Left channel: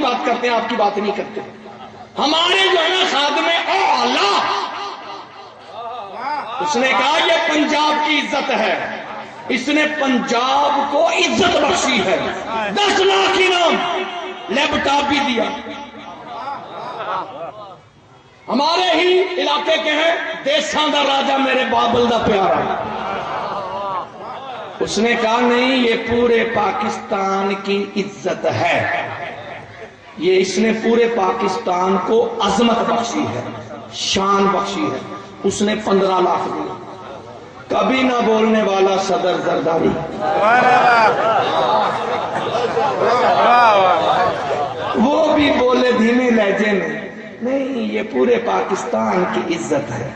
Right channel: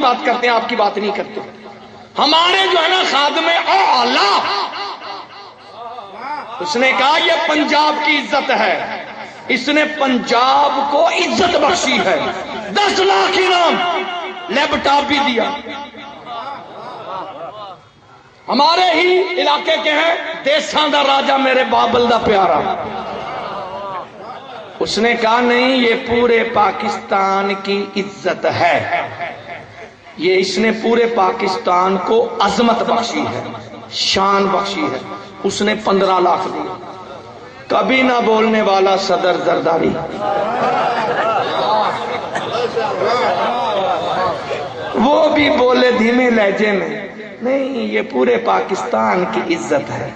بات کرتے ہیں، آپ کی بات نہیں کرتے. ہمارے جو ہے نا خادم اعلیٰ، اس نے کہا یہ پنجاب کی عزت ہے، اس نے پنجاب کو عزت بخشی ہے. 10 لاکھ انعام، لیپ ٹاپ بھی دیا. ہمارے ہی علاقے کے ہیں، دیساں دا راجہ میرے بابل دا پیارا، اس نے کہا نہیں یہ پورے پاکستان کی عزت ہے، یہ اس نے پورے پاکستان کو عظمت بخشی ہے، شان بخشی ہے. اس نے 15 لاکھ دیا. کبھی نہ بولنے والا صدر زرداری، وہ بھی بولے دھیمے لہجے میں، نہیں یہ پورے پاکستان کی عزت ہے،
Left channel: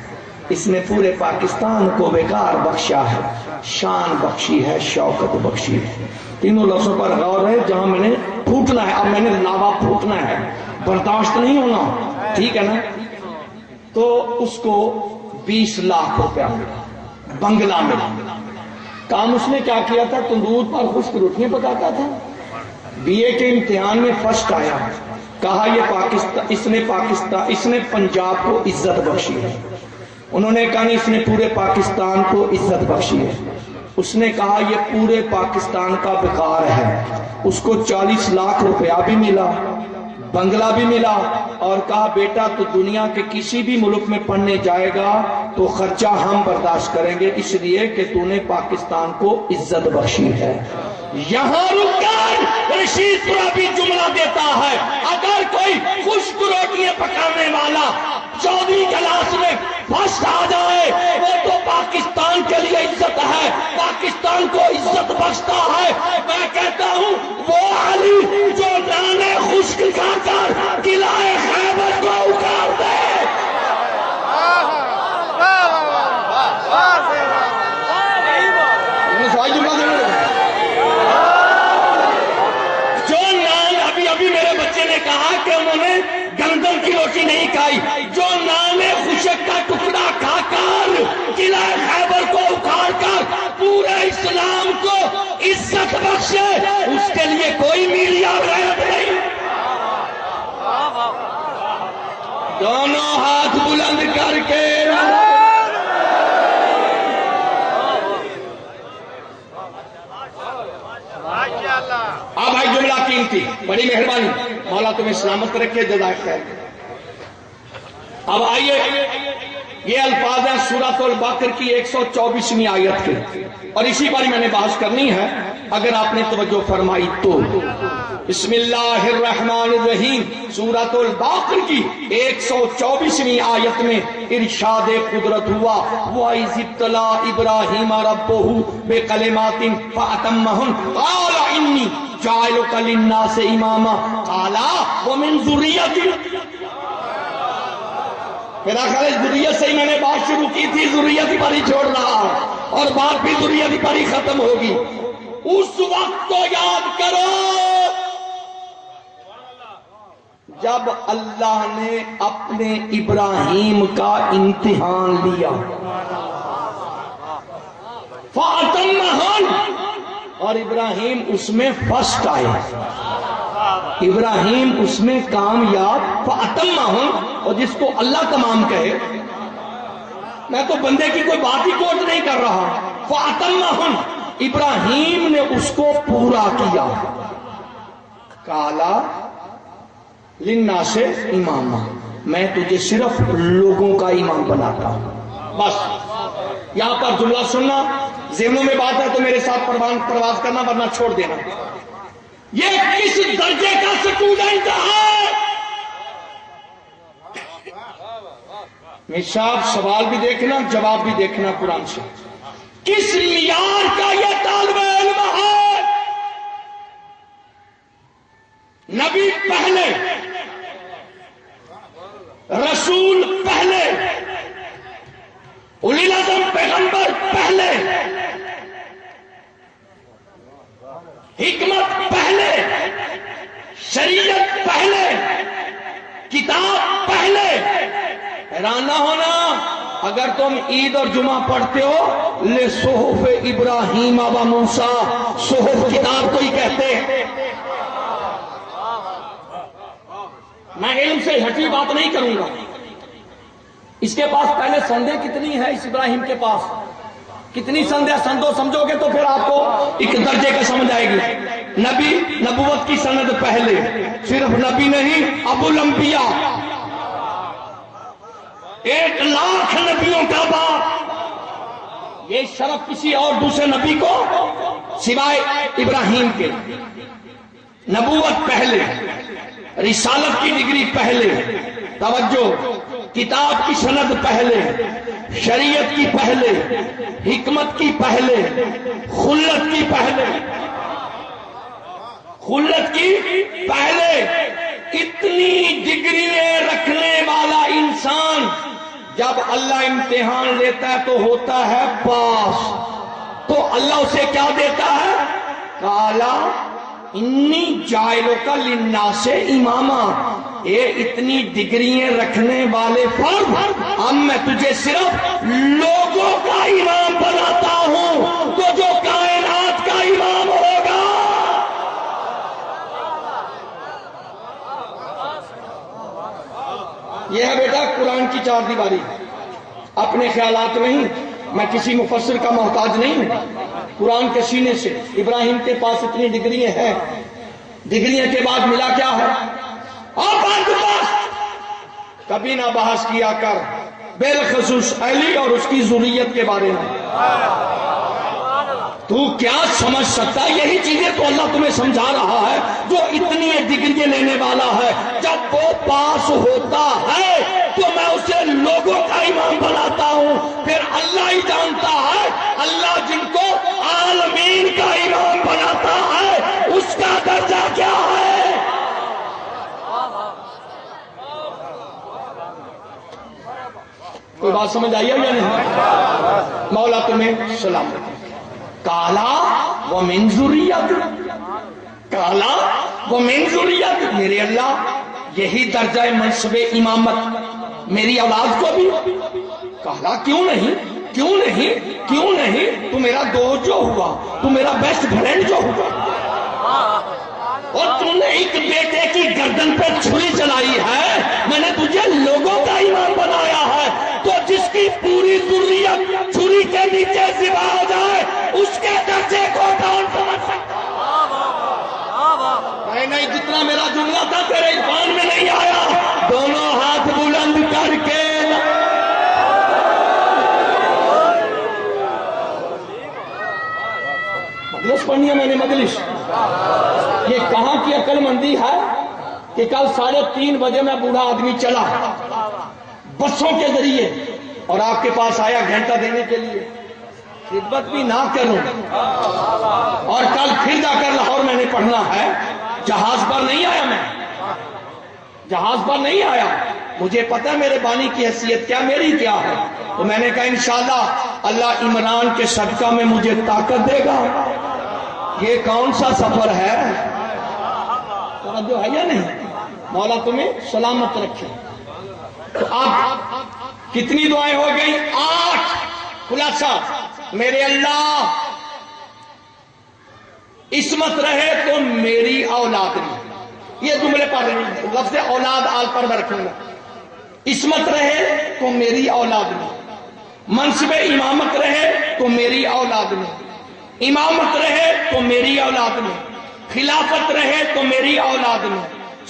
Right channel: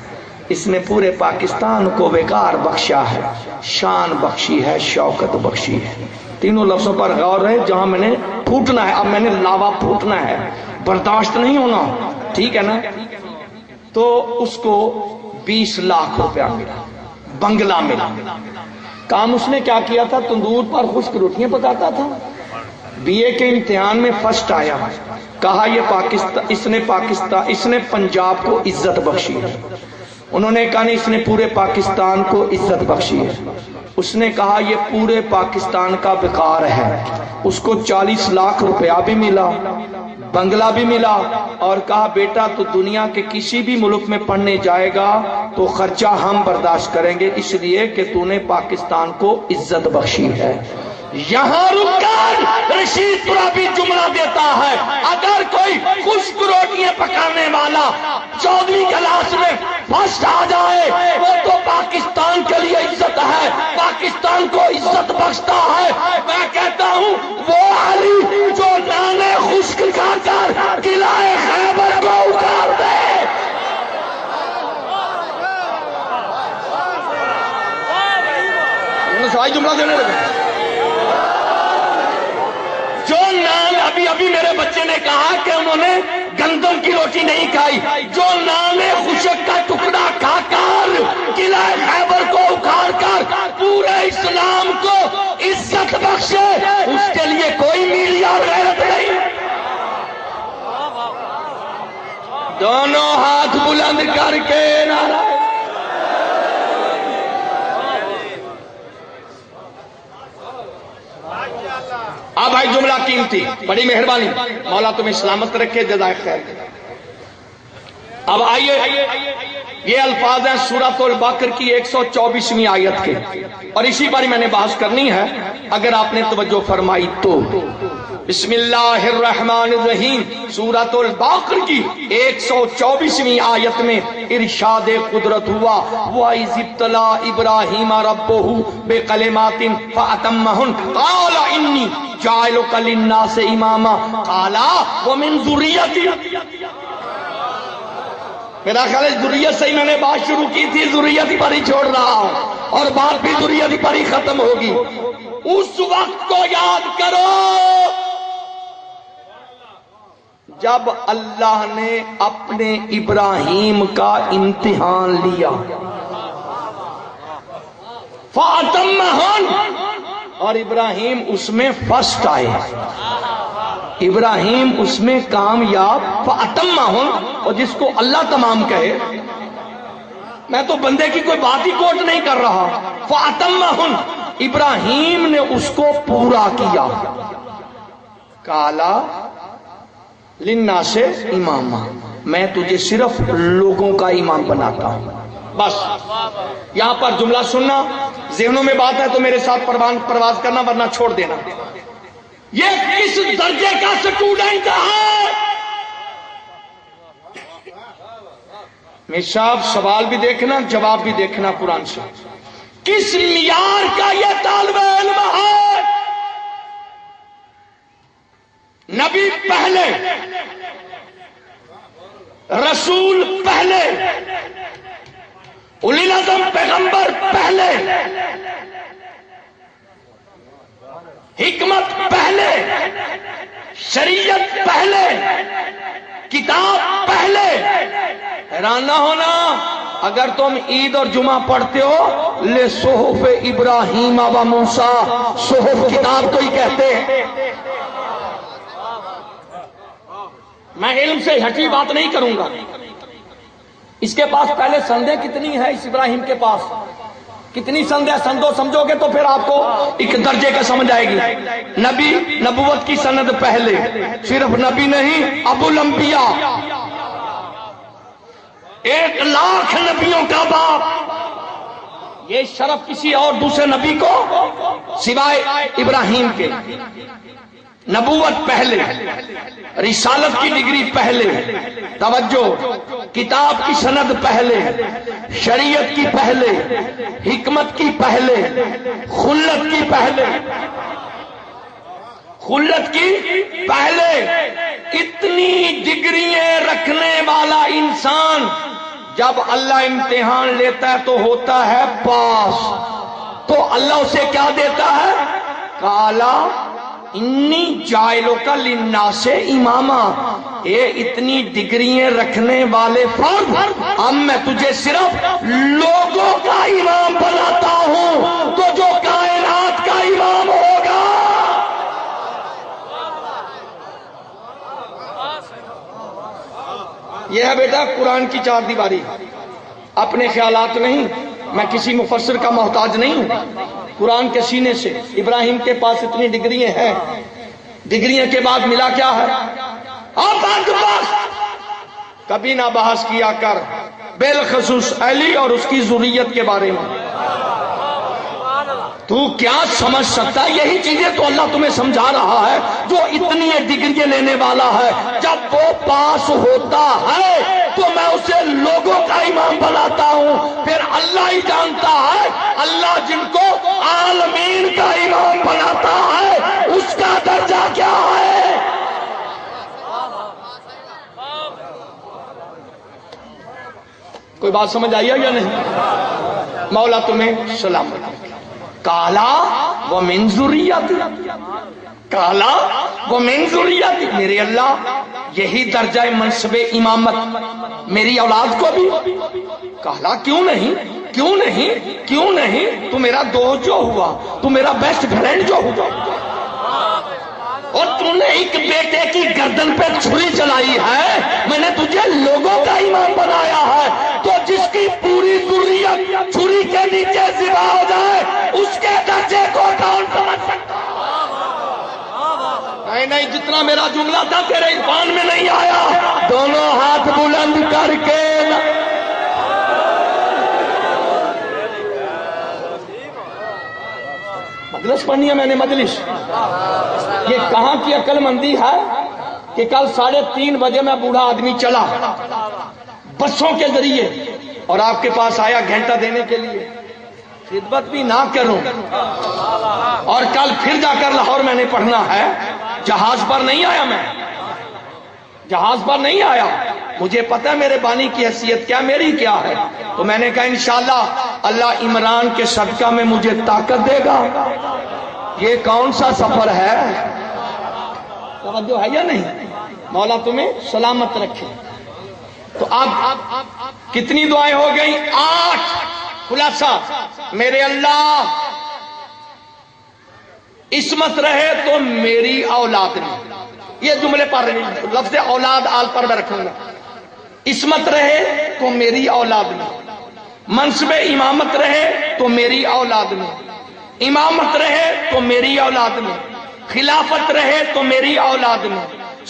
اس نے پورے پاکستان کو وقار بخشا ہے، شان بخشی ہے، شوکت بخشی ہے. تینوں لفظوں پر غور رہے. جہاں میں نے پھوٹنا ہے، اب میں نے لاوا پھوٹنا ہے، برداشت نہیں ہونا، ٹھیک ہے نا. تو اس کو 20 لاکھ روپیہ ملا، بنگلہ ملا. کام اس نے کیا کیا تھا؟ تندور پر خشک روٹیاں پکاتا تھا. BA کے امتحان میں فرسٹ آیا. کہا یہ اس نے پنجاب کو عزت بخشی ہے. انہوں نے کہا نہیں اس نے پورے پاکستان کو عزت بخشی ہے. اس نے کہا یہ پورے پاکستان کا وقار ہے. اس کو 40 لاکھ روپیہ بھی ملا، بنگلہ بھی ملا، اور کہا بیٹا تو دنیا کے کسی بھی ملک میں پڑھنے جائے گا تو خرچہ ہم برداشت کریں گے، اس لیے کہ تو نے پاکستان کو عزت بخشی ہے. یہاں رک کر رشید پورا بھی جملہ دیتا ہے، اگر کوئی خشک روٹیاں پکانے والا 14ویں کلاس میں فرسٹ آ جائے وہ تو پاکستان کے لیے عزت ہے، پاکستان کو عزت بخشتا ہے. میں کہتا ہوں وہ علی جو نانے خشک کھا کر قلعہ خیبر کو اکھاڑ دے، جملہ دینے لگا. ابھی میرے بچے نے کہا کہ انہوں نے گندم کی روٹی نہیں کھائی، جو نان خشک کا ٹکڑا کھا کر قلعہ خیبر کو اکھاڑ کر پورے اسلام کو عزت بخشے، اس کے لیے کوئی میڈیا غیرت نہیں. دونوں ہاتھ بلند کر کے اب بھائی جملہ قیمتی، بڑی مہربانی، مولا تمہیں سلامت رکھے، جزاک خیر. اب آئیے یہ الفاظ ہیں سورۃ البقرہ کی 124ویں آیت کے، اور اسی پر میں نے بحث کرنی ہے اگر آپ نے توجہ فرمائی تو. بسم اللہ الرحمن الرحیم، سورۃ البقرہ کی 124ویں آیت میں ارشاد قدرت ہوا، وَإِذِ ابْتَلَىٰ إِبْرَاهِيمَ رَبُّهُ بِكَلِمَاتٍ فَأَتَمَّهُنَّ قَالَ إِنِّي جَاعِلُكَ لِلنَّاسِ إِمَامًا قَالَ وَمِن ذُرِّيَّتِي. میرا خیال ہے ذریت سے ہی میں نے بات شروع کی تھی، ذریت ہی پر ہی چھوڑ رہا ہوں، اور بات بھی ذریت ہی پر ہی ختم ہوگی. اس وقت کو یاد کرو جب اللہ نے اپنے ابراہیم کا امتحان لیا. فَأَتَمَّهُنَّ، اور ابراہیم اس میں فرسٹ آئے، ابراہیم اس میں کامیاب. فَأَتَمَّهُنَّ، اور جس کو اللہ تمام کہے، میں تو بندے کی کوئی بات ہی کوٹ نہیں کر رہا. فَأَتَمَّهُنَّ، ابراہیم نے اس کو پورا کیا. کالا للناس اماما، میں تجھے صرف لوگوں کا امام بناتا ہوں. بس یہاں پر جملہ سننا، ذہنوں میں بات ہے تو میرے ساتھ پرواز کرنا، ورنہ چھوڑ دینا. یہ کس درجے کا سٹوڈنٹ ہے؟ صاحب سوال بھی دیکھنا، جواب بھی دیکھنا قرآن سے. کس معیار کا یہ طالب علم ہے؟ نبی پہلے، رسول پہلے، اولی العزم پیغمبر پہلے، حکمت پہلے، شریعت پہلے، کتاب پہلے. حیران نہ ہونا اگر تم عید اور جمعہ پڑھتے ہو لے صحف ابراہیم و موسیٰ، صحف کتاب تو ہی کہتے ہیں. میں علم سے ہٹی بات نہیں کروں گا. اس کے پاس پہلے سندیں کتنی ہے؟ اس ابراہیم کے پاس کتنی سندیں؟ سندوں سمجھو گے تو پھر آپ کو ایک درجے کا سمجھ آئے گی. نبی، نبوت کی سند پہلے، صرف نبی نہیں، ابو الانبیاء، 1,00,000 نبیوں کا باپ. یہ شرف کسی اور دوسرے نبی کو سوائے ابراہیم کے. نبوت پہلے، رسالت کی ڈگری پہلے، توجہ، کتاب کی سند پہلے، شریعت کی پہلے، حکمت کی پہلے، خلت کی پہلے، خلت کی پہلے. اتنی ڈگریاں رکھنے والا انسان جب اللہ امتحان لیتا ہے تو ہوتا ہے پاس. تو اللہ اسے کیا دیتا ہے؟ کالا انی جائلک للناس اماما. یہ اتنی ڈگریاں رکھنے والے فرد، اب میں تجھے صرف لوگوں کا امام بناتا ہوں، تو جو کائنات کا امام ہوگا. یہ ہے بیٹا قرآن کی 4 دیواری. اپنے خیالات نہیں، میں کسی مفسر کا محتاج نہیں ہوں. قرآن کے سینے سے ابراہیم کے پاس اتنی ڈگریاں ہیں. ڈگریاں کے بعد ملا کیا ہے؟ کبھی نہ بحث کیا کر بالخصوص علی اور اس کی ذریت کے بارے میں. تو کیا سمجھ سکتا ہے؟ یہی چیزیں تو اللہ تمہیں سمجھا رہا ہے. جو اتنی ڈگریاں لینے والا ہے، جب وہ پاس ہوتا ہے تو میں اسے لوگوں کا امام بناتا ہوں. پھر اللہ ہی جانتا ہے، اللہ جن کو عالمین کا امام بناتا ہے اس کا درجہ کیا ہے. کوئی بات سمجھ آئی ہے یا نہیں؟ مولا تمہیں سلام. کالا و من ذریت، کالا و من ذریت. میرے اللہ یہی درجہ منصب امامت میری اولاد کو بھی. کالا کیوں نہیں، کیوں نہیں، کیوں نہیں؟ تو میرا دوست جو ہوا، تو میرا بیسٹ فرینڈ جو ہوا، اور تم نے ایک بیٹے کی گردن پہ چھری چلائی ہے. میں نے تجھے لوگوں کا امام بنایا ہے. تو جس کی پوری ذریت چھری کے نیچے ذبح ہو جائے اس کے درجے کو کون سمجھ سکتا؟ نہیں، جتنا میرا جملہ تھا تیرے عرفان میں نہیں آیا. دونوں ہاتھ بلند کر کے مجلس پڑھنی ہے. میں نے مجلس، یہ کہاں کی عقل مندی ہے کہ کل 3:30 بجے میں بوڑھا آدمی چلا بسوں کے ذریعے اور آپ کے پاس آیا گھنٹہ دینے کے لیے، خدمت بھی نہ کروں، اور کل پھر جا کر لاہور میں نے پڑھنا ہے. جہاز پر نہیں آیا، میں جہاز پر نہیں آیا. مجھے پتہ ہے میرے بانی کی حیثیت کیا، میری کیا ہے. تو میں نے کہا انشاءاللہ اللہ عمران کے صدقہ میں مجھے طاقت دے گا. یہ کون سا سفر ہے؟ توجہ ہے یا نہیں؟ مولا تمہیں سلامت رکھے. تو اب کتنی دعائیں ہو گئی؟ 8. خلاصہ، میرے اللہ عصمت رہے تو میری اولاد میں. یہ جملے پر لفظ اولاد آل پر میں رکھوں گا. عصمت رہے تو میری اولاد میں، منصب امامت رہے تو میری اولاد میں، امامت رہے تو میری اولاد میں، خلافت رہے تو میری اولاد میں،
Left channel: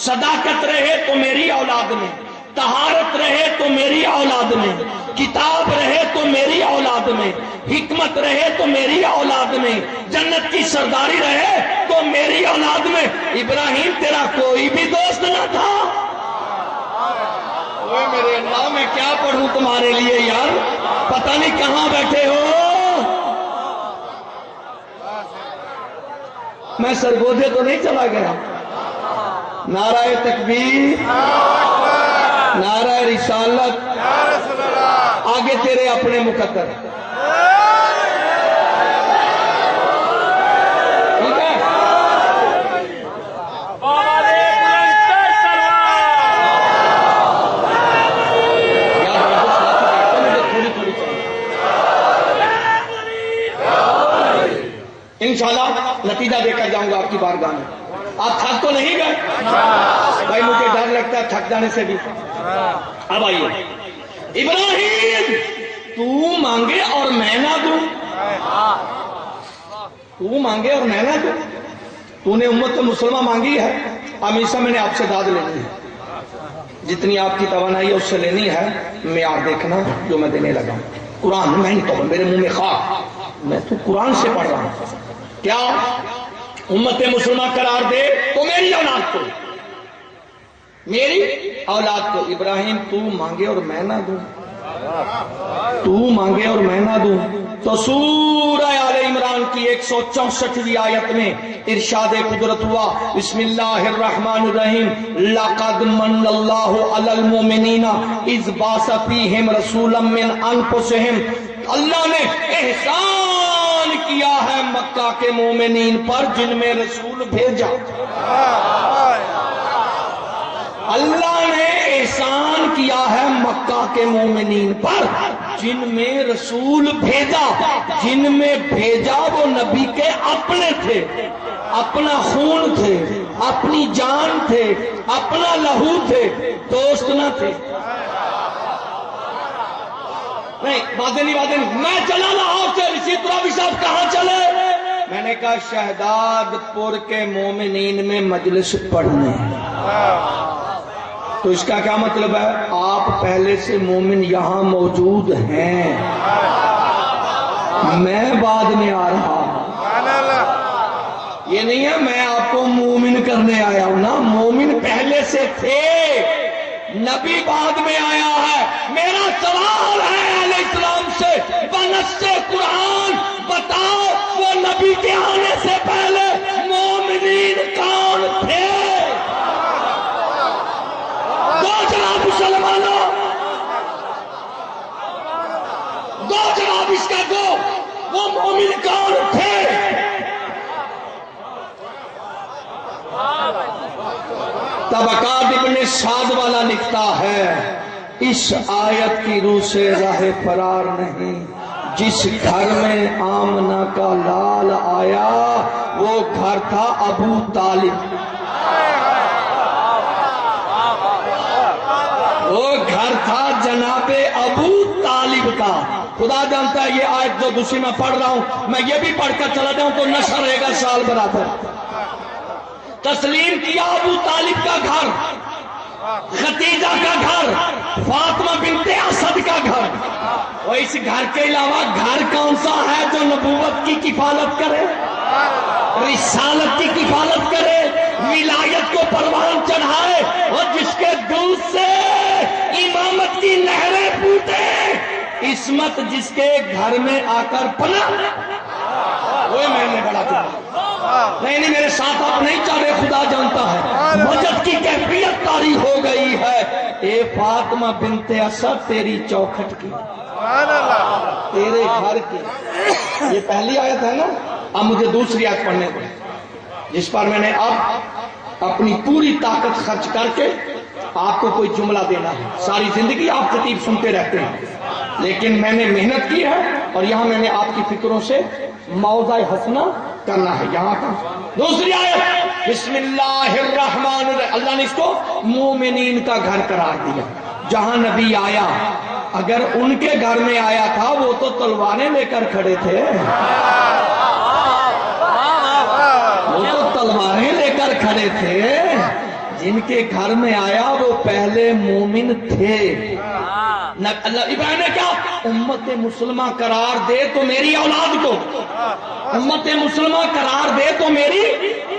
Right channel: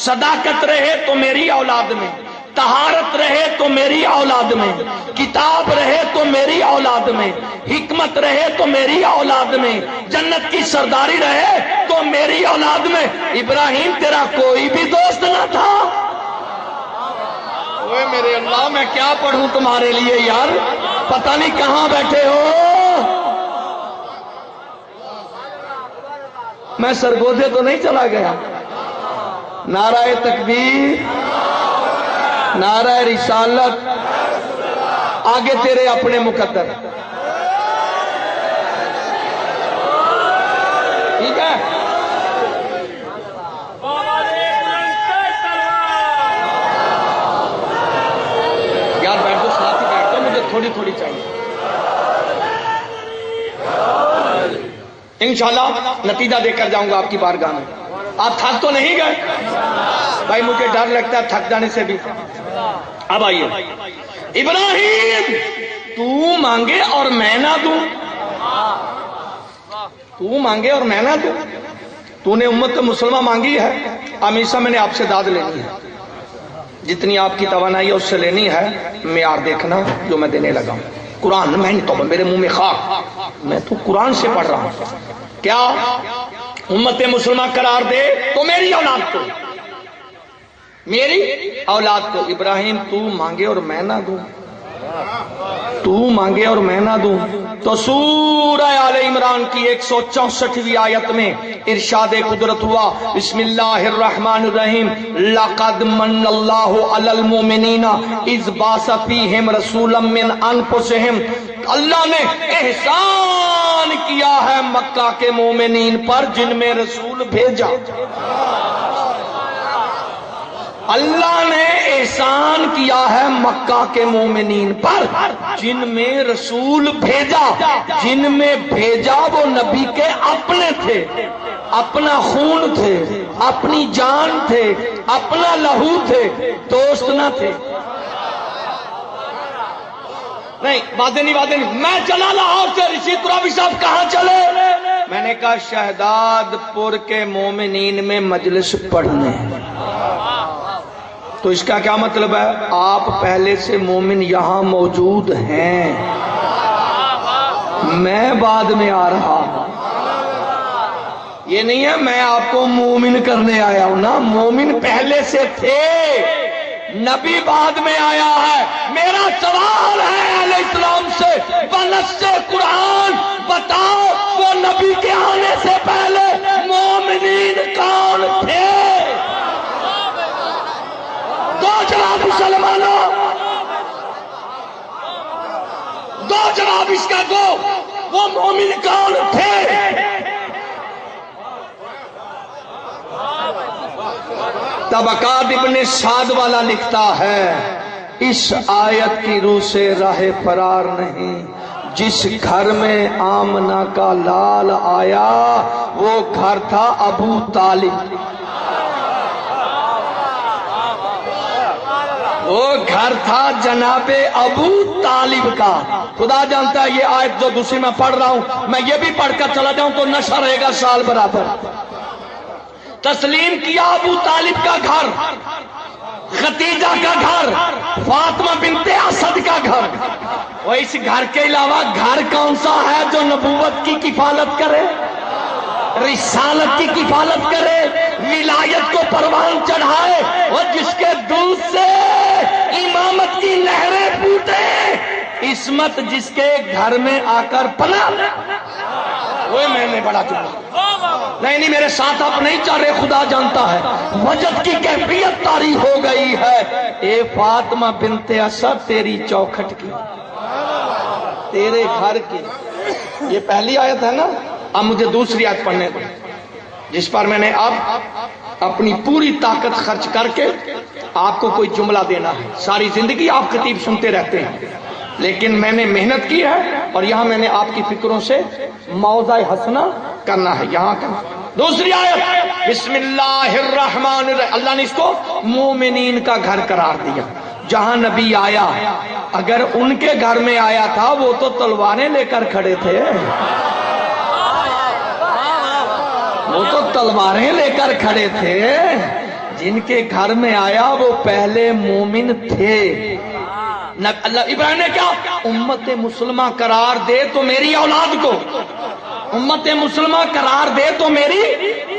صداقت رہے تو میری اولاد میں، طہارت رہے تو میری اولاد میں، کتاب رہے تو میری اولاد میں، حکمت رہے تو میری اولاد میں، جنت کی سرداری رہے تو میری اولاد میں. ابراہیم تیرا کوئی بھی دوست نہ تھا. اوے میرے اللہ، میں کیا پڑھوں تمہارے لیے یار، پتہ نہیں کہاں بیٹھے ہو. میں سرگودے تو نہیں چلا گیا. نعرہ تکبیر، نعرہ رسالت، آگے تیرے اپنے مقدر. ٹھیک ہے؟ یاد رکھو ساتھ بیٹھتا، مجھے تھوڑی تھوڑی چاہیے. انشاءاللہ نتیجہ دے کر جاؤں گا آپ کی بارگاہ میں. آپ تھک تو نہیں گئے بھائی؟ مجھے ڈر ڈر لگتا ہے تھک جانے سے بھی. اب آئیے ابراہیم تو مانگے اور میں نہ دوں, تو مانگے اور میں نہ دوں. تو نے امت مسلمہ مانگی ہے, ہمیشہ میں نے آپ سے داد لینی ہے, جتنی آپ کی توانائی ہے اس سے لینی ہے. معیار دیکھنا جو میں دینے لگا ہوں. قرآن میں تو میرے منہ میں خاک, میں تو قرآن سے پڑھ رہا ہوں. کیا امت مسلمہ قرار دے تو میری اولاد کو, میری اولاد کو. ابراہیم تو مانگے اور میں نہ دوں, تو مانگے اور میں نہ دوں. تو سورہ آل عمران کی 164ویں آیت میں ارشاد قدرت ہوا, بسم اللہ الرحمن الرحیم, لقد من اللہ علی المؤمنین اذ بعث فیہم رسولا من انفسہم. اللہ نے احسان کیا ہے مکہ کے مومنین پر جن میں رسول بھیجا. اللہ نے احسان کیا ہے مکہ کے مومنین پر جن میں رسول بھیجا. جن میں بھیجا وہ نبی کے اپنے تھے, اپنا خون تھے, اپنی جان تھے, اپنا لہو تھے, دوست نہ تھے. نہیں باتیں نہیں. میں چلا لاہور سے, رشید ترابی صاحب کہاں چلے؟ میں نے کہا شہداد پور کے مومنین میں مجلس پڑھنے. تو اس کا کیا مطلب ہے؟ آپ پہلے سے مومن یہاں موجود ہیں, میں بعد میں آ رہا ہوں. یہ نہیں ہے میں آپ کو مومن کرنے آیا ہوں نا, مومن پہلے سے تھے, نبی بعد میں آیا ہے. میرا سوال ہے علیہ السلام سے, بنص قرآن بتاؤ وہ نبی کے آنے سے پہلے مومنین کون تھے؟ دو جواب مسلمانوں, دو جواب اس کا دو, وہ مومن کون تھے؟ طبقات ابن سعد والا لکھتا ہے, اس آیت کی روح سے راہ فرار نہیں. جس گھر میں آمنہ کا لال آیا وہ گھر تھا ابو طالب, وہ گھر تھا جناب ابو طالب کا. خدا جانتا ہے یہ آیت جو دوسری میں پڑھ رہا ہوں, میں یہ بھی پڑھ کر چلا جاؤں تو نشہ رہے گا سال برابر. تسلیم کیا ابو طالب کا گھر, ختیجہ کا گھر, فاطمہ بنت اسد کا گھر. اور اس گھر کے علاوہ گھر کون سا ہے جو نبوت کی کفالت کرے, رسالت کی کفالت کرے, ولایت کو پروان چڑھائے, اور جس کے دودھ سے امامت کی نہریں پھوٹے, عصمت جس کے گھر میں آ کر پناہ. وہ میں نے بڑا نہیں میرے ساتھ آپ نہیں چاہ رہے, خدا جانتا ہے مجد کی کیفیت طاری ہو گئی ہے. اے فاطمہ بنت اسد تیری چوکھٹ کی, تیرے گھر کی. یہ پہلی آیت ہے نا. اب مجھے دوسری آیت پڑھنے کو, جس پر میں نے اب اپنی پوری طاقت خرچ کر کے آپ کو کوئی جملہ دینا ہے. ساری زندگی آپ خطیب سنتے رہتے ہیں, لیکن میں نے محنت کی ہے اور یہاں میں نے آپ کی فکروں سے موضع حسنہ کرنا ہے. یہاں کا دوسری آیت, بسم اللہ الرحمن الرحیم. اللہ نے اس کو مومنین کا گھر قرار دیا. جہاں نبی آیا, اگر ان کے گھر میں آیا تھا وہ تو تلواریں لے کر کھڑے تھے, وہ تو تلواریں لے کر کھڑے تھے. جن کے گھر میں آیا وہ پہلے مومن تھے. اللہ ابراہیم نے کیا امت مسلمہ قرار دے تو میری اولاد کو, امت مسلمہ قرار دے تو میری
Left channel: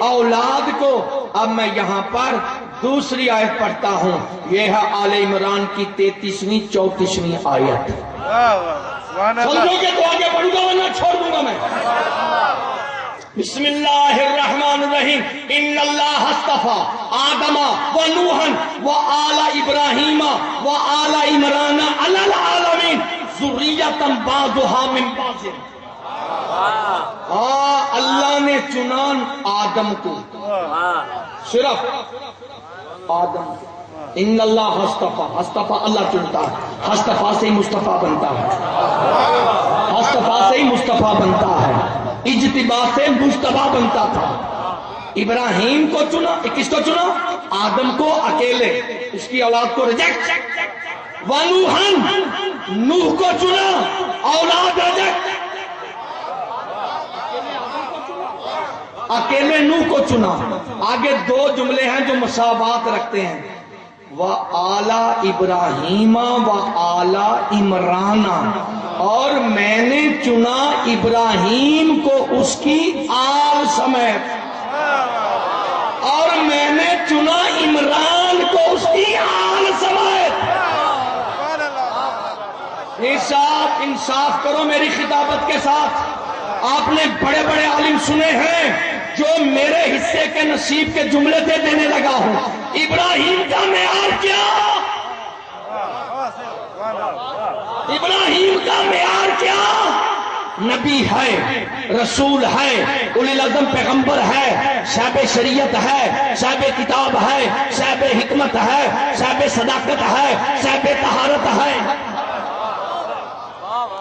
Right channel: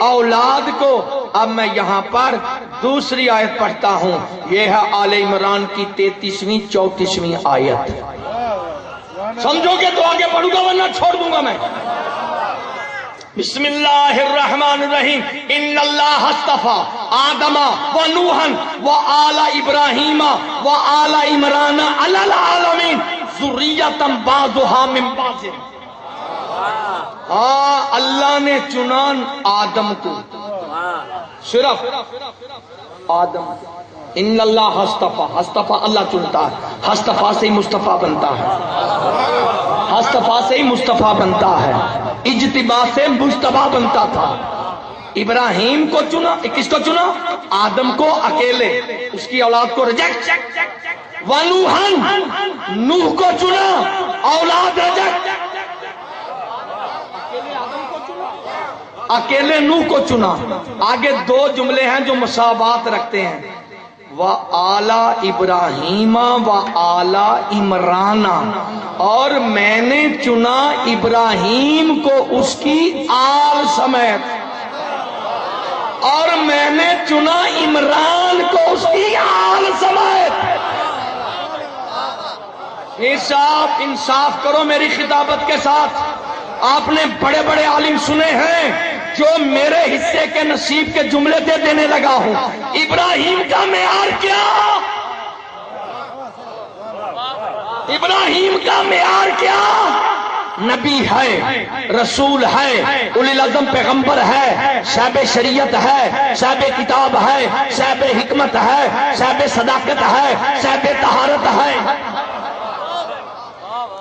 اولاد کو. اب میں یہاں پر دوسری آیت پڑھتا ہوں, یہ ہے آل عمران کی 33ویں 34ویں آیت. سمجھو گے تو آگے پڑھوں گا ورنہ چھوڑ دوں گا میں. بسم اللہ الرحمن الرحیم, ان اللہ اصطفى آدم و نوحا و آل ابراہیم و آل عمران علی العالمین ذریۃ بعضها من بعض. اللہ نے چنا آدم کو, صرف آدم. ان اللہ اصطفى, اصطفى اللہ چنتا ہے, اصطفى سے ہی مصطفیٰ بنتا ہے, اصطفى سے ہی مصطفیٰ بنتا ہے, اجتباء سے مجتبیٰ بنتا تھا. ابراہیم کو چنا، کس کو چنا؟ آدم کو اکیلے، اس کی اولاد کو ریجیکٹ. وَنُوحًا، نوح کو چنا، اولاد ریجیکٹ. اکیلے نوح کو چنا. آگے دو جملے ہیں جو مساوات رکھتے ہیں، وَآلَ إِبْرَاهِيمَ وَآلَ عِمْرَانَ، اور میں نے چنا ابراہیم کو اس کی آل سمیت، اور میں نے چنا عمران کو اس کی آل سمیت. انصاف کرو میری خطابت کے ساتھ. آپ نے بڑے بڑے عالم سنے ہیں جو میرے حصے کے نصیب کے جملے دے دینے لگا ہوں. ابراہیم کا معیار کیا؟ ابراہیم کا معیار کیا؟ نبی ہے، رسول ہے، اولی العزم پیغمبر ہے، صاحب شریعت ہے، صاحب کتاب ہے، صاحب حکمت ہے، صاحب صداقت ہے، صاحب طہارت ہے،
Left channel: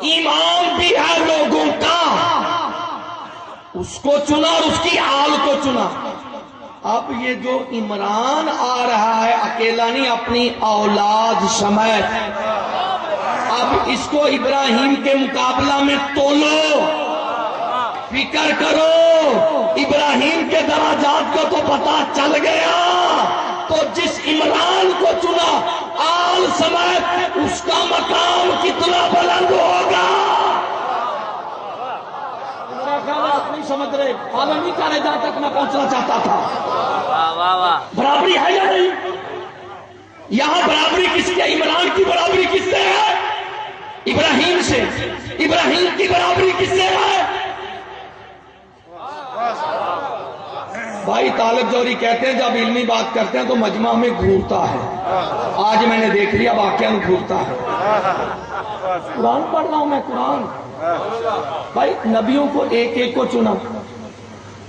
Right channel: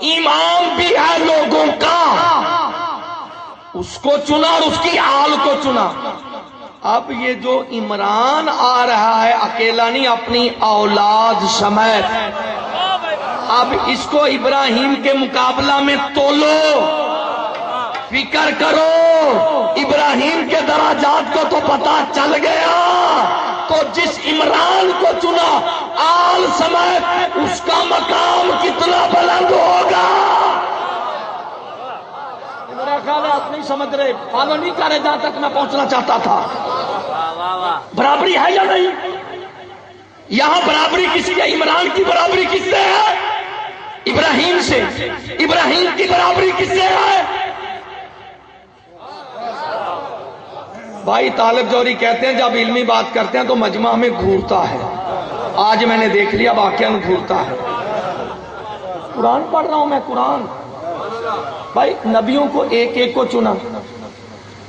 امام بھی ہے لوگوں کا. اس کو چنا اور اس کی آل کو چنا. اب یہ جو عمران آ رہا ہے اکیلا نہیں، اپنی اولاد سمیت. اب اس کو ابراہیم کے مقابلہ میں تولو، فکر کرو. ابراہیم کے درجات کو تو پتا چل گیا، تو جس عمران کو چنا آل سمیت، اس کا مقام کتنا بلند ہوگا. آپ نہیں سمجھ رہے، فالو نہیں کر رہے جہاں تک میں پہنچنا چاہتا تھا. برابری ہے یا نہیں؟ یہاں برابری کس کی ہے؟ عمران کی برابری کس سے ہے؟ ابراہیم سے. ابراہیم کی برابری کس سے ہے؟ بھائی طالب جوہری کہتے ہیں جب علمی بات کرتے ہیں تو مجمع میں گھورتا ہے. آج میں نے دیکھ لیا واقعہ گھورتا ہے. قرآن پڑھ رہا ہوں میں، قرآن. بھائی نبیوں کو ایک ایک کو چنا،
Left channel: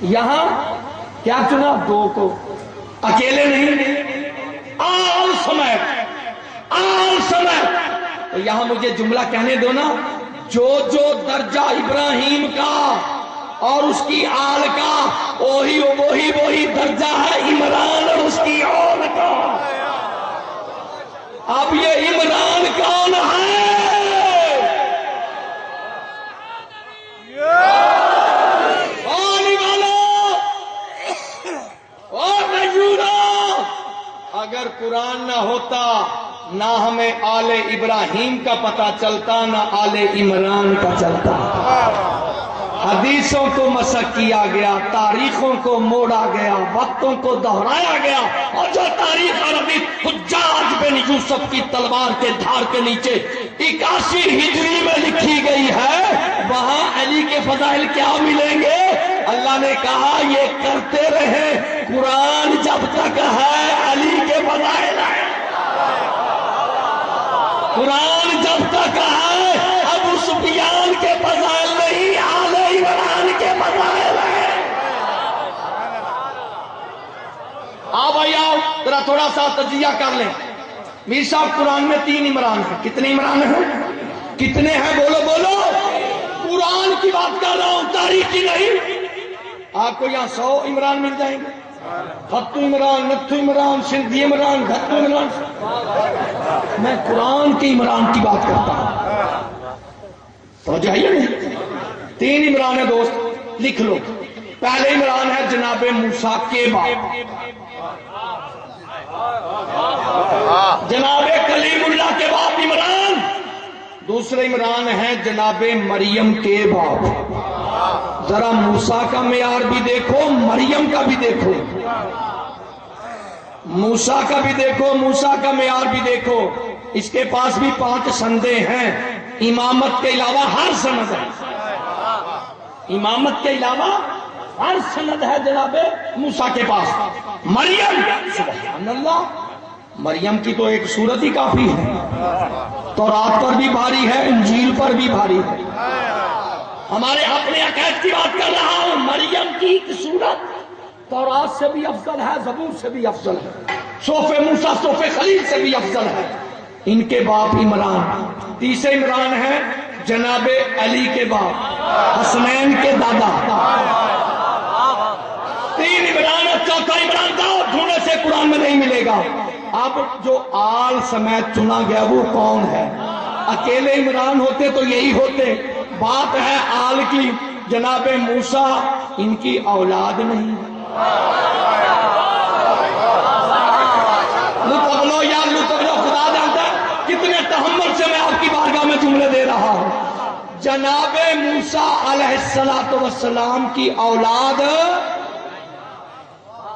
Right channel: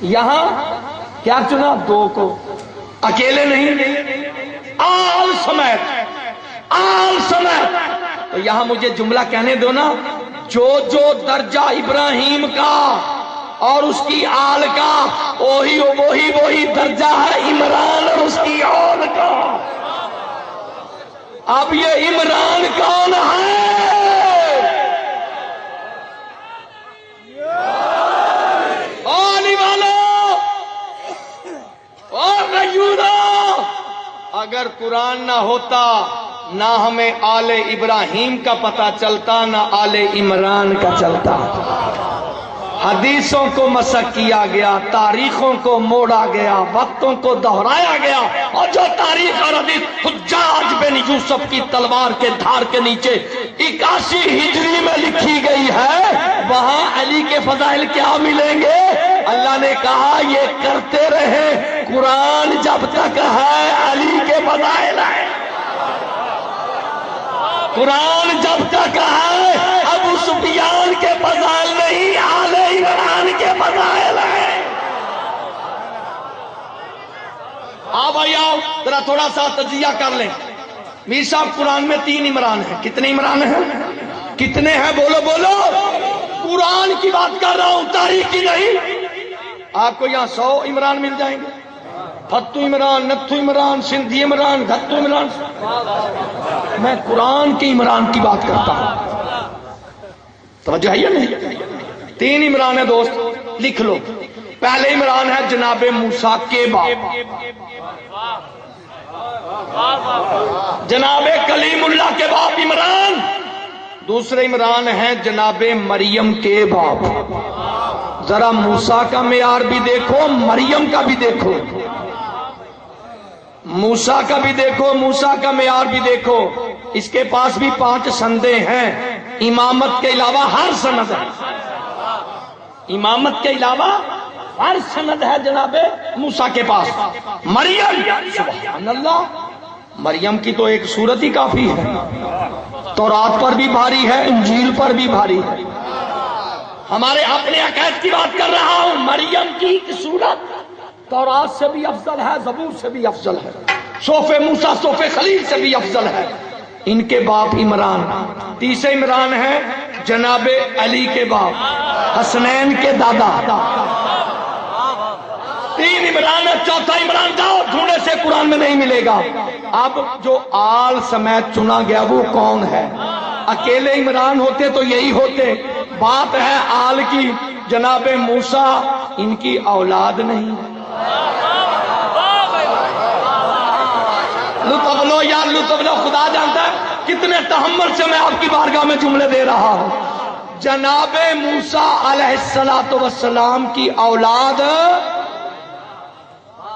یہاں کیا چنا؟ دو کو، اکیلے نہیں، آل سمیت، آل سمیت. تو یہاں مجھے جملہ کہنے دو نا، جو جو درجہ ابراہیم کا اور اس کی آل کا، وہی درجہ ہے عمران اور اس کی آل کا. اب یہ عمران کون ہے؟ اگر قرآن نہ ہوتا نہ ہمیں آل ابراہیم کا پتہ چلتا، نہ آل عمران کا چلتا. حدیثوں کو مسح کیا گیا، تاریخوں کو موڑا گیا، وقتوں کو دہرایا گیا، اور جو تاریخ اور حدیث حجاج بن یوسف کی تلوار کے دھار کے نیچے 81 ہجری میں لکھی گئی ہے، وہاں علی کے فضائل کیا ملیں گے؟ اللہ نے کہا یہ کرتے رہے، قرآن جب تک ہے علی کے فضائل ہے. قرآن جب تک ہے ابو سفیان کے فضائل نہیں، آل عمران کے فضائل ہیں. آؤ بھائی آؤ، ذرا تھوڑا سا تجزیہ کر لیں. میر صاحب قرآن میں 3 عمران ہیں. کتنے عمران ہیں؟ کتنے ہیں؟ بولو بولو. قرآن کی بات کر رہا ہوں، تاریخ کی نہیں. آپ کو یہاں 100 عمران مل جائیں گے. فتو عمران، نتھو عمران، سندھی عمران، گھتو عمران. میں قرآن کی عمران کی بات کرتا ہوں. توجہ ہے یا نہیں؟ 3 عمران ہے دوست، لکھ لو. پہلے عمران ہے جناب موسیٰ کے باپ، جناب کلیم اللہ کے باپ عمران. دوسرے عمران ہے جناب مریم کے باپ. ذرا موسیٰ کا معیار بھی دیکھو، مریم کا بھی دیکھو. موسیٰ کا بھی دیکھو، موسیٰ کا معیار بھی دیکھو. اس کے پاس بھی 5 سندیں ہیں. امامت کے علاوہ ہر سند ہے. امامت کے علاوہ ہر سند ہے جناب موسیٰ کے پاس. مریم، سبحان اللہ، مریم کی تو ایک صورت ہی کافی ہے. تورات پر بھی بھاری ہے، انجیل پر بھی بھاری ہے. ہمارے اپنے عقائد کی بات کر رہا ہوں. مریم کی ایک صورت تورات سے بھی افضل ہے، زبور سے بھی افضل ہے، صحف موسیٰ، صحف خلیل سے بھی افضل ہے. ان کے باپ عمران. تیسرے عمران ہے جناب علی کے باپ، حسنین کے دادا. 3 عمران تھا عمران کا، ڈھونڈے سے قرآن میں نہیں ملے گا۔ اب جو آل سمیت چنا گیا وہ کون ہے؟ اکیلے عمران ہوتے تو یہی ہوتے۔ بات ہے آل کی، جناب موسیٰ ان کی اولاد نہیں۔ لطف لو یا لطف لو، خدا جانتا ہے کتنے تحمل سے میں آپ کی بارگاہ میں جملے دے رہا ہوں۔ جناب موسیٰ علیہ السلام کی اولاد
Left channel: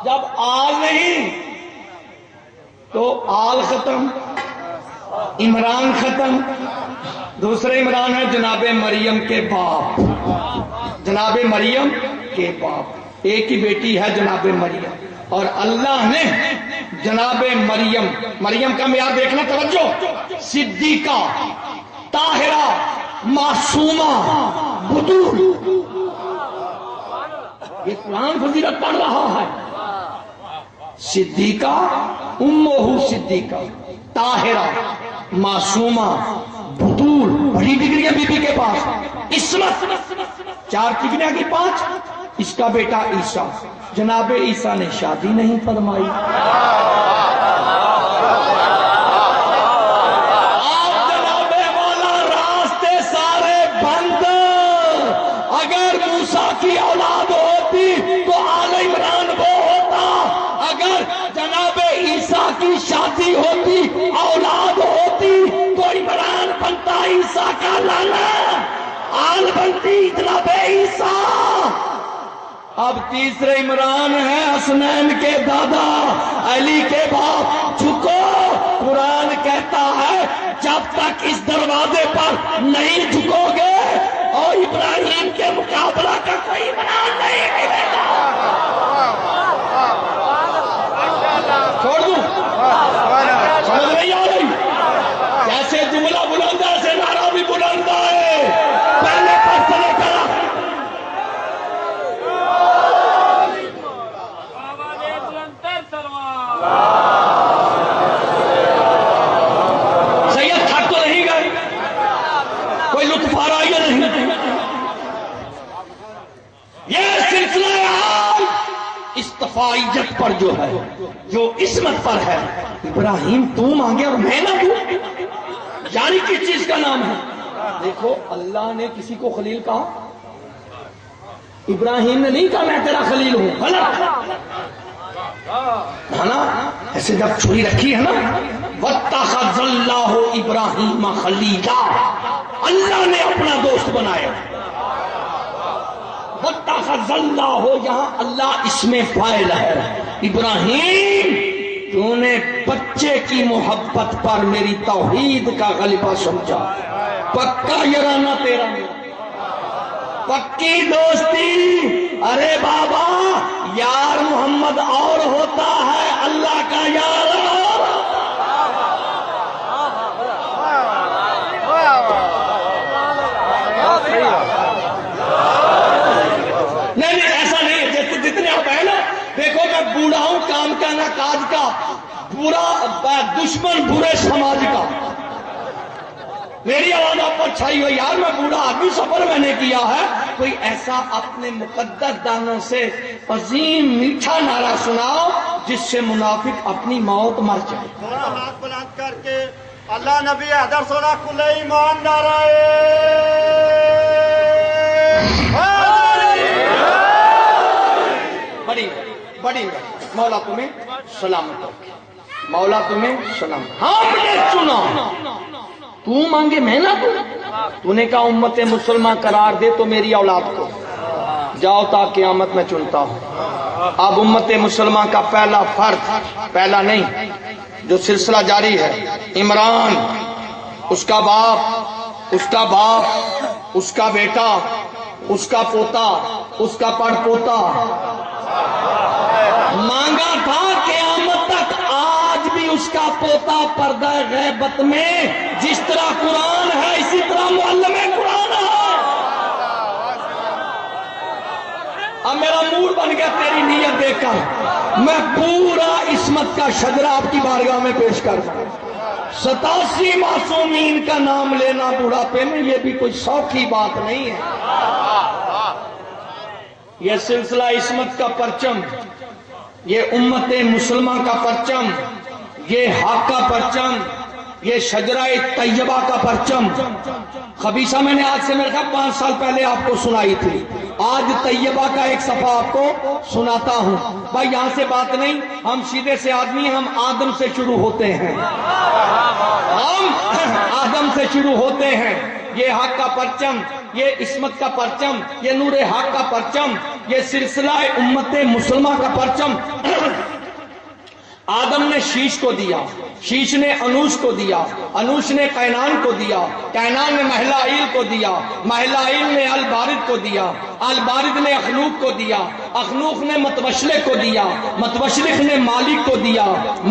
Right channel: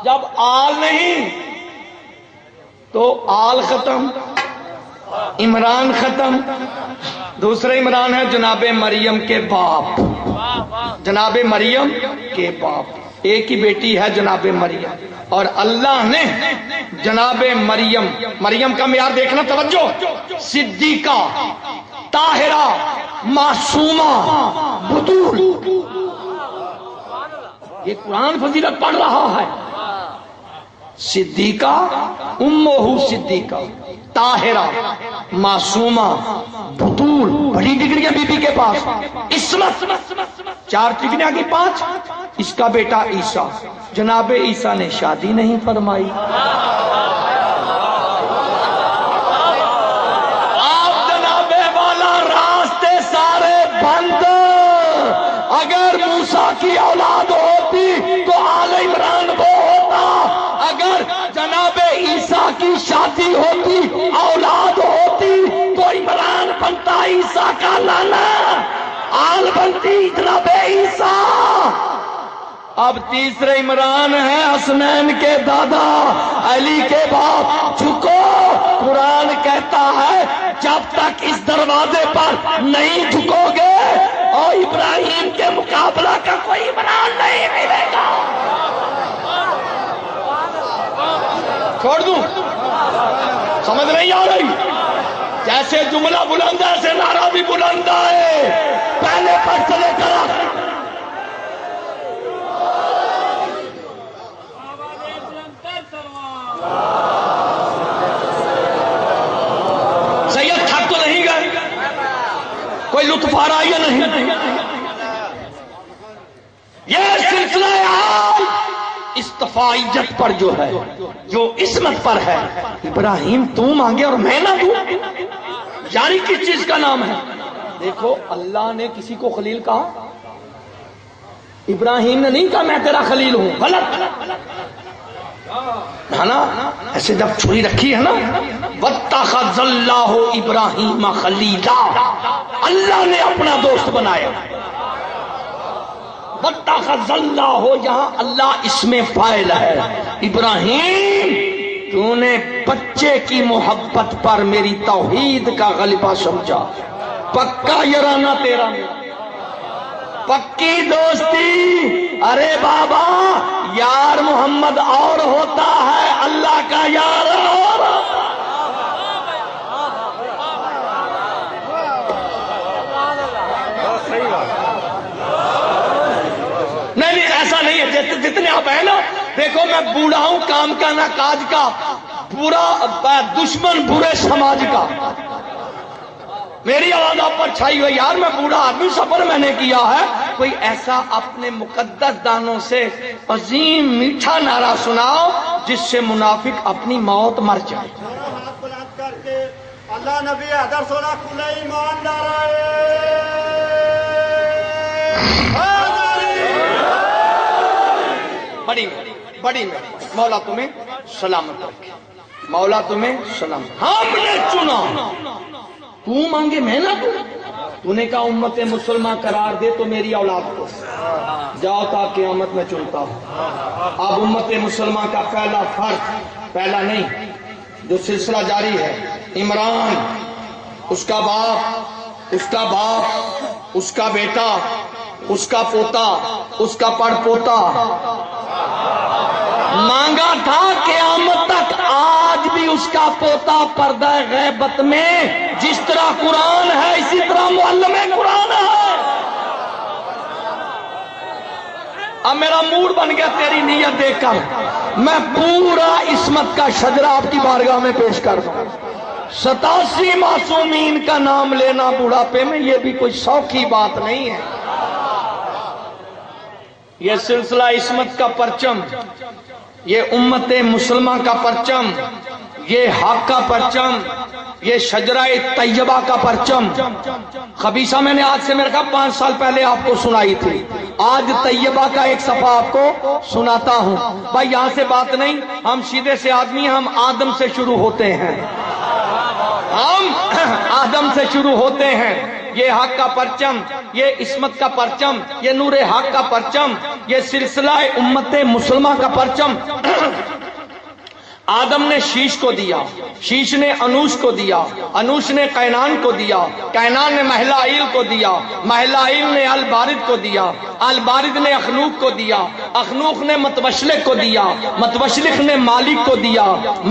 جب آل نہیں تو آل ختم، عمران ختم۔ دوسرے عمران ہے جناب مریم کے باپ، جناب مریم کے باپ، ایک ہی بیٹی ہے جناب مریم، اور اللہ نے جناب مریم کا معیار دیکھنا، توجہ، صدیقہ، طاہرہ، معصومہ، بطول۔ یہ قرآن فضیلت پڑھ رہا ہے۔ صدیقہ، امہ صدیقہ، طاہرہ، معصومہ، بطول، بڑی ڈگریاں بی بی کے پاس، عصمت، 4 ڈگریاں کی 5۔ اس کا بیٹا عیسیٰ، جناب عیسیٰ نے شادی نہیں فرمائی۔ آپ جناب والا راستے سارے بند۔ اگر موسیٰ کی اولاد ہوتی تو آل عمران وہ ہوتا، اگر جناب عیسیٰ کی شادی ہوتی، اولاد ہوتی، تو عمران بنتا عیسیٰ کا لالا، آل بنتی جناب عیسیٰ۔ اب تیسرے عمران ہے حسنین کے دادا، علی کے باپ۔ جھکو، قرآن کہتا ہے جب تک اس دروازے پر نہیں جھکو گے اور ابراہیم کے مقابلہ کا کوئی عمران نہیں ملے گا۔ چھوڑ دوں، سمجھ نہیں آ رہی؟ جیسے جملہ بلند ہے ایسے نعرہ بھی بلند ہے، پہلے پر سے لے کر آخر۔ سید تھک تو نہیں گئے؟ کوئی لطف آ رہا یا نہیں؟ یہ سلسلہ عام استفائیت پر جو ہے، جو عصمت پر ہے، ابراہیم تو مانگے اور میں نہ دوں، یعنی کس چیز کا نام ہے؟ دیکھو، اللہ نے کسی کو خلیل کہا؟ ابراہیم نے نہیں کہا میں تیرا خلیل ہوں، غلط ہے نا؟ ایسے جب چھری رکھی ہے نا، وَاتَّخَذَ اللَّهُ إِبْرَاهِيمَ خَلِيلًا، اللہ نے اپنا دوست بنایا۔ وَاتَّخَذَ اللَّهُ، یہاں اللہ اس میں فاعل ہے۔ ابراہیم، تو نے بچے کی محبت پر میری توحید کا غلبہ سمجھا، پکا یارانہ تیرا میرا، پکی دوستی۔ ارے بابا، یار محمد اور ہوتا ہے، اللہ کا یار اور۔ نہیں ایسا نہیں ہے، جتنے آپ ہیں نا، دیکھو میں بوڑھا ہوں کام کا نہ کاج کا، برا دشمن برے سماج کا، میری آواز آپ پر چھائی ہوئی، یار میں بوڑھا آدمی، سفر میں نے کیا ہے۔ کوئی ایسا اپنے مقدس دانوں سے عظیم میٹھا نعرہ سناؤ جس سے منافق اپنی موت مر جائے۔ ہاتھ بلند کر کے اللہ نبی حیدر سولہ کل ایمان نعرہ بڑی مولا تمہیں سلامت رکھے، مولا تمہیں سلامت۔ ہم نے چنا، تو مانگے میں نہ دوں۔ تو نے کہا امت مسلمہ قرار دے تو میری اولاد کو، جاؤ تا قیامت میں چنتا ہوں۔ اب امت مسلمہ کا پہلا فرد، پہلا نہیں، جو سلسلہ جاری ہے، عمران، اس کا باپ، اس کا باپ، اس کا بیٹا، اس کا پوتا، اس کا پڑ پوتا، مانگا تھا قیامت تک، آج بھی اس کا پوتا پردہ غیبت میں، جس طرح قرآن ہے اسی طرح معلم قرآن ہے۔ اب میرا موڈ بن گیا تیری نیت دیکھ کر، میں پورا عصمت کا شجرہ آپ کی بارگاہ میں پیش کر دوں۔ 87 معصومین کا نام لینا بڑھاپے میں، یہ بھی کوئی سوکھی بات نہیں ہے۔ یہ سلسلہ عصمت کا پرچم، یہ امت مسلمہ کا پرچم، یہ حق کا پرچم، یہ شجرہ طیبہ کا پرچم، خبیثہ میں نے آج سے میرے خیال 5 سال پہلے آپ کو سنائی تھی، آج طیبہ کا ایک صفحہ آپ کو سناتا ہوں۔ بھائی یہاں سے بات نہیں، ہم سیدھے سے آدمی ہیں، ہم آدم سے شروع ہوتے ہیں، ہم آدم سے شروع ہوتے ہیں۔ یہ حق کا پرچم، یہ عصمت کا پرچم، یہ نور حق کا پرچم، یہ سلسلہ امت مسلمہ کا پرچم آدم نے شیش کو دیا، شیش نے انوش کو دیا، انوش نے قینان کو دیا، قینان نے محلائیل کو دیا، محلائیل نے البارد کو دیا، البارد نے اخنوق کو دیا، اخنوق نے متوشلق کو دیا، متوشلق نے مالک کو دیا،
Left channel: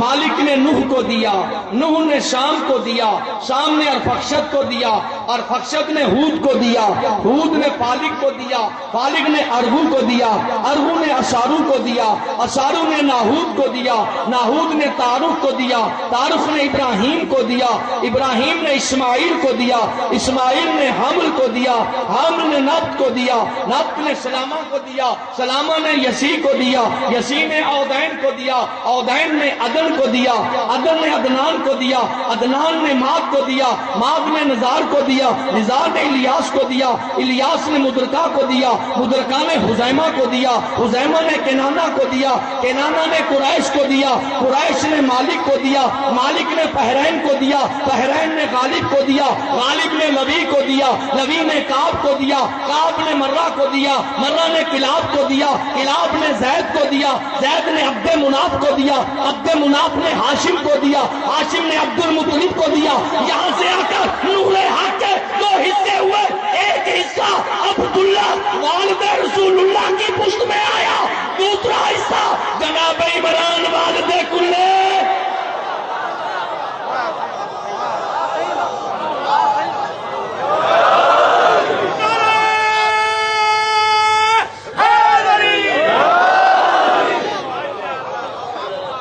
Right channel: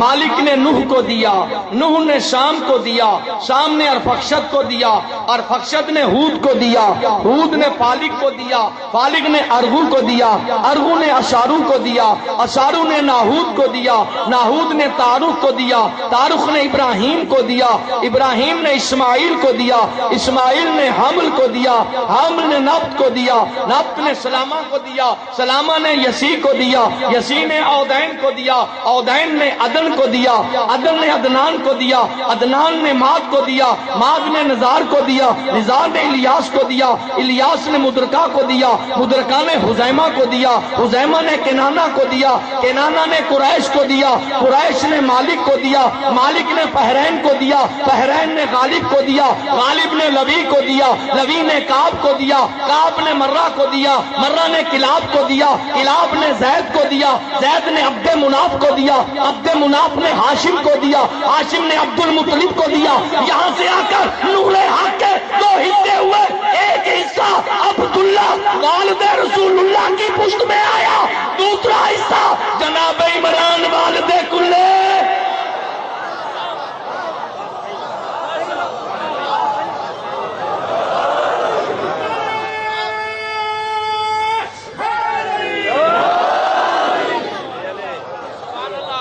مالک نے نوح کو دیا، نوح نے شام کو دیا، شام نے ارفخشد کو دیا، ارفخشد نے ہود کو دیا، ہود نے فالق کو دیا، فالق نے ارغو کو دیا، ارغو نے اشارو کو دیا، اشارو نے ناہود کو دیا، ناہود نے تاروخ کو دیا، تاروخ نے ابراہیم کو دیا، ابراہیم نے اسماعیل کو دیا، اسماعیل نے حمل کو دیا، حمل نے نبت کو دیا، نبت نے سلامہ کو دیا، سلامہ نے یسی کو دیا، یسی نے عودین کو دیا، عودین نے عدن کو دیا، عدن نے عدنان کو دیا، عدنان نے ماد کو دیا، ماد نے نزار کو دیا، نزار نے الیاس کو دیا، الیاس نے مدرکہ کو دیا، مدرکہ نے حزیمہ کو دیا، حزیمہ نے کنانہ کو دیا، کنانہ نے قریش کو دیا، قریش نے مالک کو دیا، مالک نے بحرین کو دیا، بحرین نے غالب کو دیا، غالب نے لوی کو دیا، لوی نے کعب کو دیا، کعب نے مرہ کو دیا، مرہ نے کلاب کو دیا، کلاب نے زید کو دیا، زید نے عبد مناف کو دیا، عبد مناف نے ہاشم کو دیا، ہاشم نے عبد المطلب کو دیا۔ یہاں سے آ کر نور حق کے 2 حصے ہوئے، ایک حصہ عبداللہ والد رسول اللہ کی پشت میں آیا، دوسرا حصہ جناب عمران والد کلے۔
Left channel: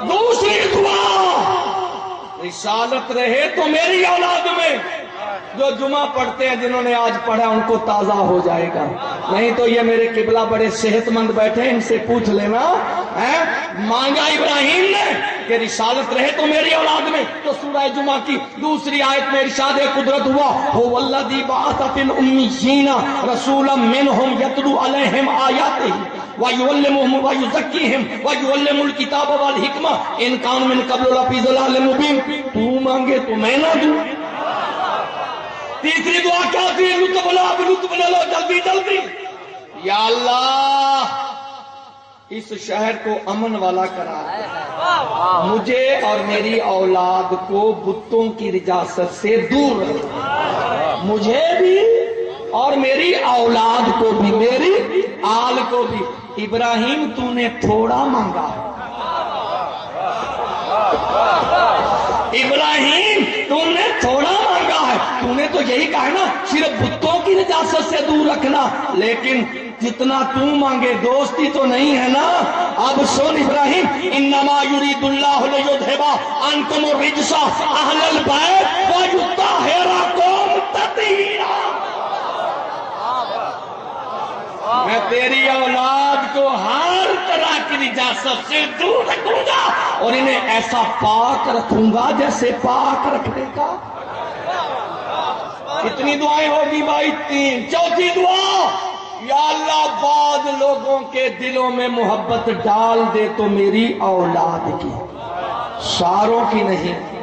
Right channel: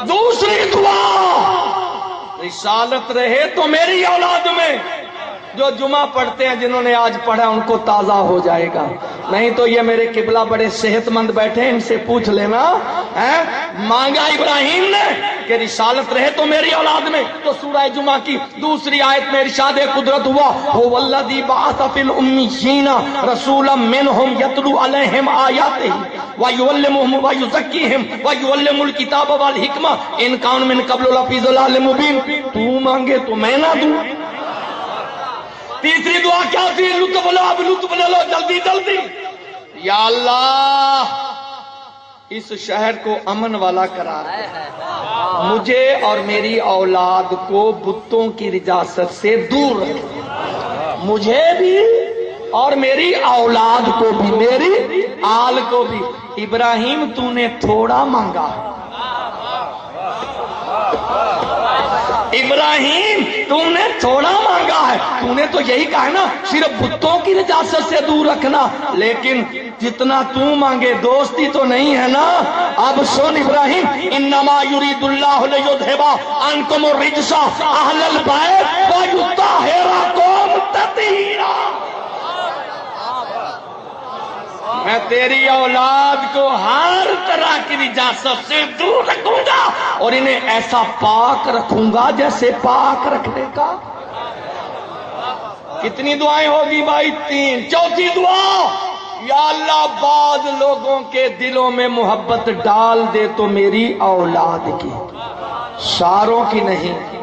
دوسری دعا، رسالت رہے تو میری اولاد میں، جو جمعہ پڑھتے ہیں جنہوں نے آج پڑھا ان کو تازہ ہو جائے گا، نہیں تو یہ میرے قبلہ بڑے صحت مند بیٹھے ہیں، ان سے پوچھ لینا، مانگا ابراہیم نے کہ رسالت رہے تو میری اولاد میں، تو سورہ جمعہ کی دوسری آیت میں ارشاد قدرت ہوا، هو الذی بعث فی الامیین رسولا منہم یتلو علیہم آیاتہ وَيُعَلِّمُهُمْ وَيُزَكِّيهِمْ وَيُعَلِّمُ الْكِتَابَ وَالْحِکْمَةَ إِن كَانُوا مِن قَبْلُ لَفِی ضَلَالٍ مُبِینٍ۔ تو مانگے تو میں نہ دوں۔ تیسری دعا کیا تھی؟ لطف لو، اب لطف لے لو جلدی جلدی۔ یا اللہ اس شہر کو امن والا کرا دے، مجھے اور میری اولاد کو بتوں کی نجاست سے دور رکھ، مجھے بھی اور میری اولاد کو بھی، میری آل کو بھی۔ ابراہیم تو نے تھوڑا مانگا، ابراہیم تم نے تھوڑا مانگا ہے، تو نے تو یہی کہا ہے نا صرف بتوں کی نجاست سے دور رکھنا، لیکن جتنا تو مانگے دوستی تو نہیں ہے نا۔ اب سن ابراہیم، انما یرید اللہ لیذھب عنکم الرجس اہل البیت ویطہرکم تطہیرا۔ میں تیری اولاد کو ہر طرح کی نجاست سے دور رکھوں گا اور انہیں ایسا پاک رکھوں گا جیسے پاک رکھنے کا۔ کتنی دعائیں ہوگی بھائی؟ 3۔ چوتھی دعا، یا اللہ بعض لوگوں کے دلوں میں محبت ڈال دے تو میری اولاد کی، ساروں کی نہیں۔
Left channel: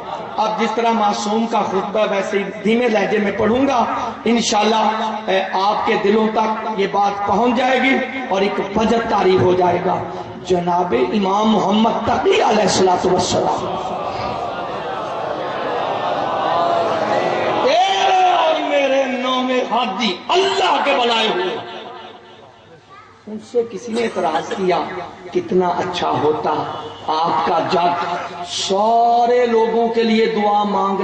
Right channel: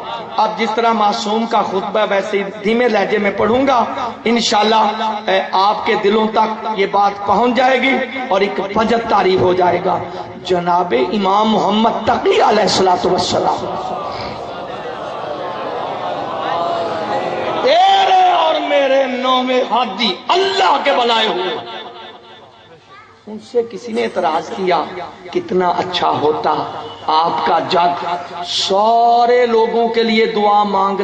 اب جس طرح معصوم کا خطبہ ویسے دھیمے لہجے میں پڑھوں گا، انشاءاللہ آپ کے دلوں تک یہ بات پہنچ جائے گی اور ایک فجر طاری ہو جائے گا۔ جناب امام محمد تقی علیہ السلام تیرے اور میرے نویں ہادی اللہ کے بنائے ہوئے، ان سے کسی نے اعتراض کیا کتنا اچھا ہوتا آپ کا جد سارے لوگوں کے لیے دعا مانگ